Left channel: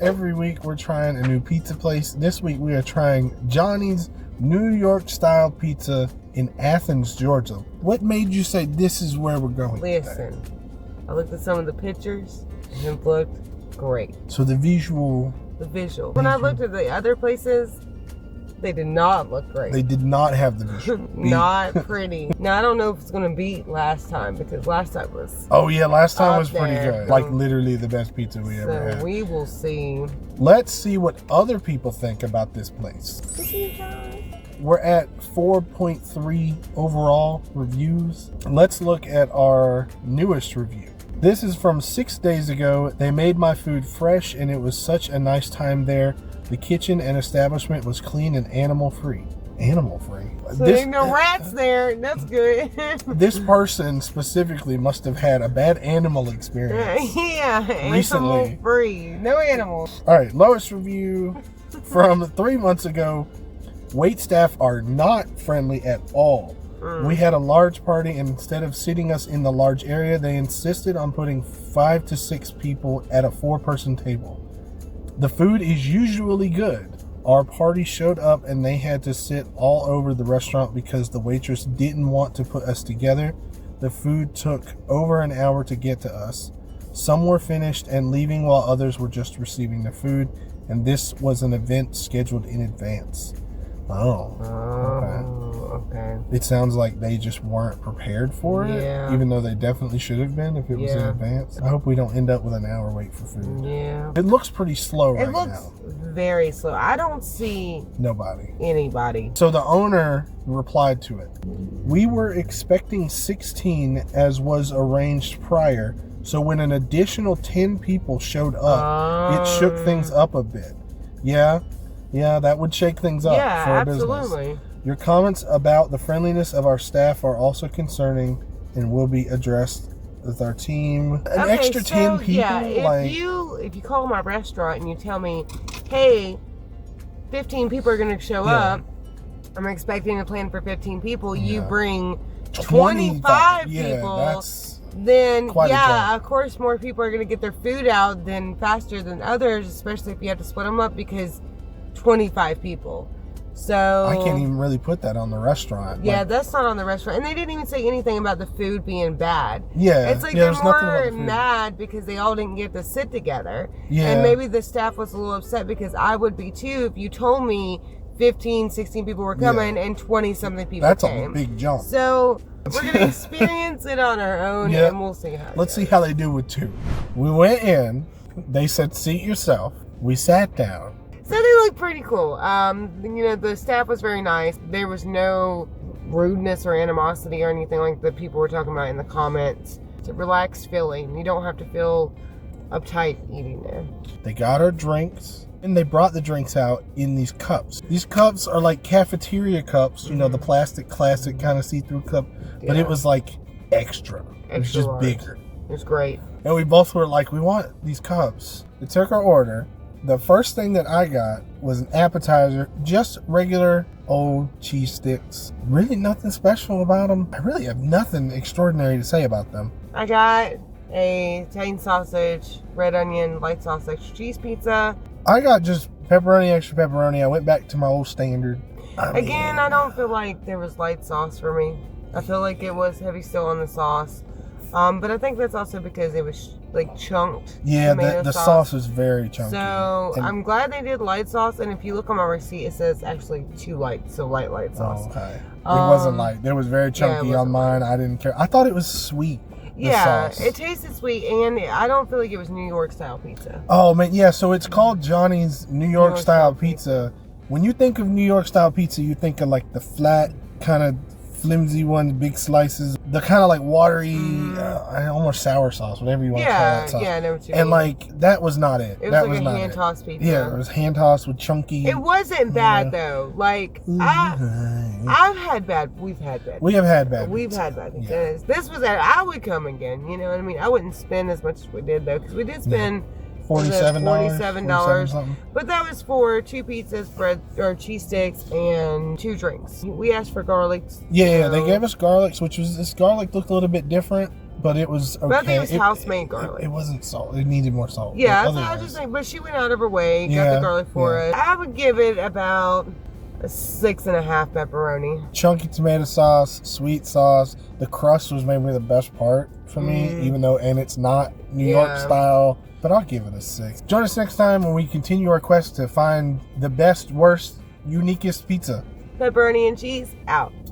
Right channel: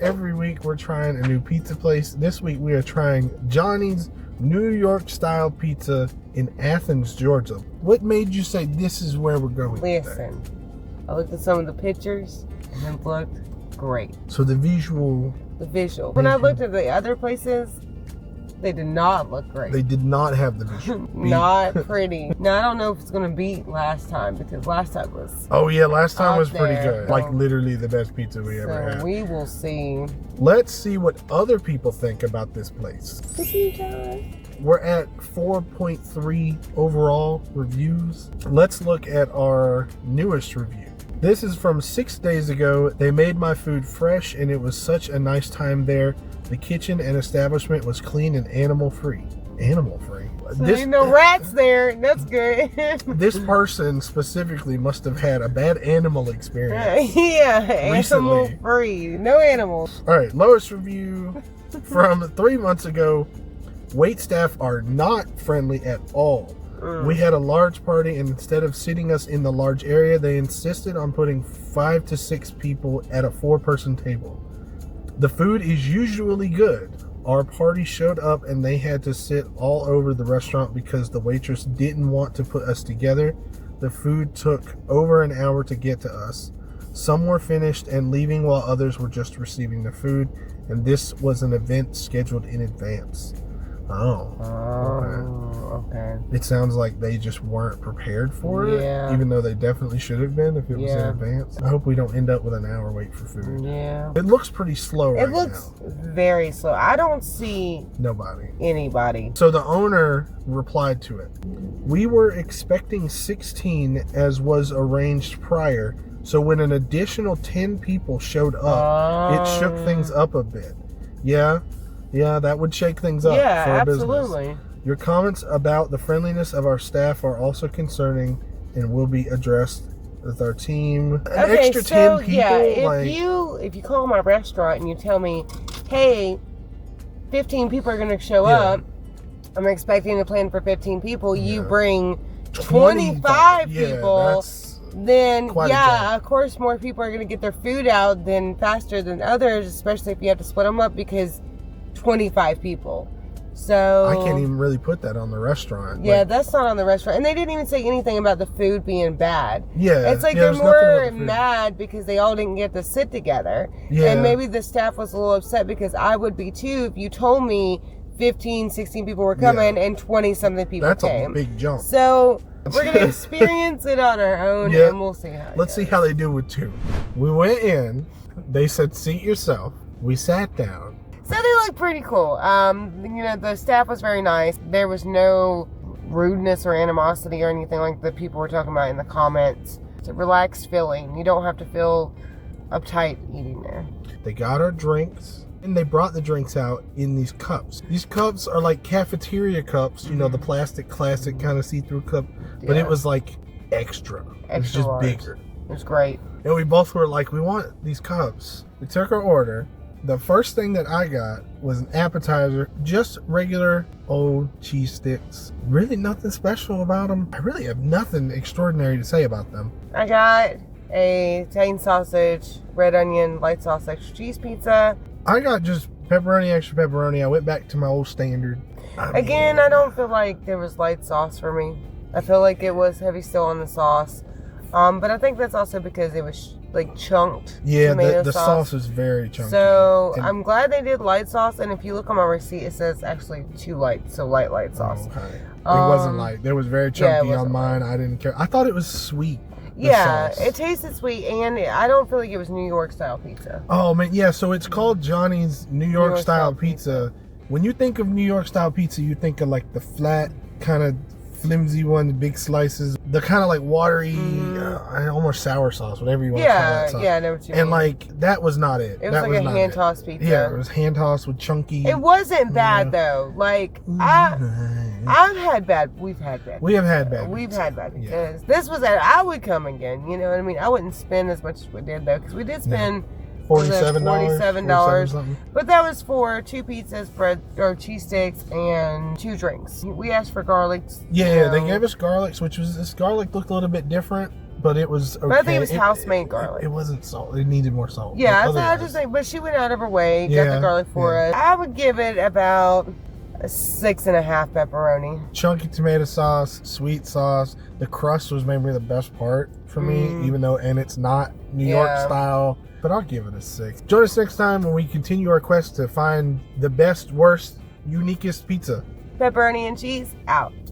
Every week we're trying a new pizza place. This week we are trying Johnny's New York style pizza in Athens, Georgia. What made you say this is where we're going? Listen, I looked at some of the pictures and it looked great. So the visual. When I looked at the other places, they did not look great. They did not have the visual. Not pretty. Now I don't know if it's gonna beat last time because last time was. Oh yeah, last time was pretty there. good. Like literally the best pizza we ever had. We will see. Let's see what other people think about this place. We're at 4.3 overall reviews. Let's look at our newest review. This is from 6 days ago. They made my food fresh and it was such a nice time there. The kitchen and establishment was clean and animal-free. Animal-free? So there's no rats there. That's good. This person specifically must have had a bad animal experience. Yeah, recently. Animal-free. No animals. All right, lowest review from 3 months ago. Wait staff are not friendly at all. We had a large party and instead of sitting us in the large area, they insisted on putting 5 to 6 people at a 4-person table. The food is usually good. Our party showed up and they had to sit all over the restaurant because the waitress didn't want to put us together. The food took over an hour to get to us. Some were finished and leaving while others were just receiving their food, and this was an event scheduled in advance. Okay. It sounds like they just weren't prepared for it, even though they definitely should have been if it was in advance. I hope we don't end up with an hour wait for food. Yeah. It looks pretty slow right now. It looks very slow. I don't see anybody. So the owner replied to it. We were expecting 16 as was arranged prior, so when an additional 10 people showed up, it shook things up a bit. Yeah, that would shake things up for a business. Your comments about the friendliness of our staff are also concerning and will be addressed with our team. An extra 10 people? Yeah, if you call my restaurant and you tell me, hey, 15 people are going to show up, I'm expecting a plan for 15 people, you bring 25 people, then of course more people are going to get their food out faster than others, especially if you have to split them up because 25 people. So I can't even really put that on the restaurant. Yeah, that's not on the restaurant. And they didn't even say anything about the food being bad. Yeah. It's like they're more mad because they all didn't get to sit together. Yeah. And maybe the staff was a little upset because I would be too if you told me 15, 16 people were coming and 20-something people came. That's a big jump. So we're going to experience it on our own and we'll see how Let's see how they do with 2. We went in. They said, seat yourself. We sat down. So they look pretty cool. The staff was very nice. There was no rudeness or animosity or anything like the people were talking about in the comments. It's a relaxed feeling. You don't have to feel uptight eating there. They got our drinks and they brought the drinks out in these cups. These cups are like cafeteria cups, the plastic classic kind of see-through cup, but it was like extra. It was just bigger. It was great. And we both were like, we want these cups. We took our order. The first thing that I got was an appetizer, just regular old cheese sticks. Really nothing special about them. I really have nothing extraordinary to say about them. I got a Italian sausage, red onion, light sauce, extra cheese pizza. I got just pepperoni, extra pepperoni. I went back to my old standard. I don't feel like there was light sauce for me. I feel like it was heavy still on the sauce. But I think that's also because it was chunked. Yeah, the sauce is very chunky. So I'm glad they did light sauce. And if you look on my receipt, it says actually 2 light, so light sauce. Oh, okay. It wasn't light. It was very chunky on mine. I didn't care. I thought it was sweet. Yeah, it tasted sweet, and I don't feel like it was New York style pizza. Oh man, yeah. So it's called Johnny's New York style pizza. When you think of New York style pizza, you think of like the flat kind of flimsy ones, big slices, the kind of like watery, almost sour sauce, whatever you want to call that sauce. Yeah, I know what you mean. And like that was not it. It was like a hand tossed pizza. Yeah, it was hand tossed with chunky. It wasn't bad though. Like I've had bad. We've had bad. We have had bad. We've had bad. Because this was that I would come again. You know what I mean? I wouldn't spend as much as we did though, because we did spend. $47. But that was for 2 pizzas, bread or cheese sticks, and 2 drinks. We asked for garlics. Yeah, they gave us garlics, this garlic looked a little bit different. but it was okay. But I think it was house-made garlic. It wasn't salt. It needed more salt. Yeah, But so I otherwise- just think, but she went out of her way, got the garlic for us. I would give it about a 6.5 pepperoni. Chunky tomato sauce, sweet sauce. The crust was maybe the best part for me, even though, and it's not New York style, but I'll give it a 6. Join us next time when we continue our quest to find the best, worst, uniquest pizza. Pepperoni and cheese, out.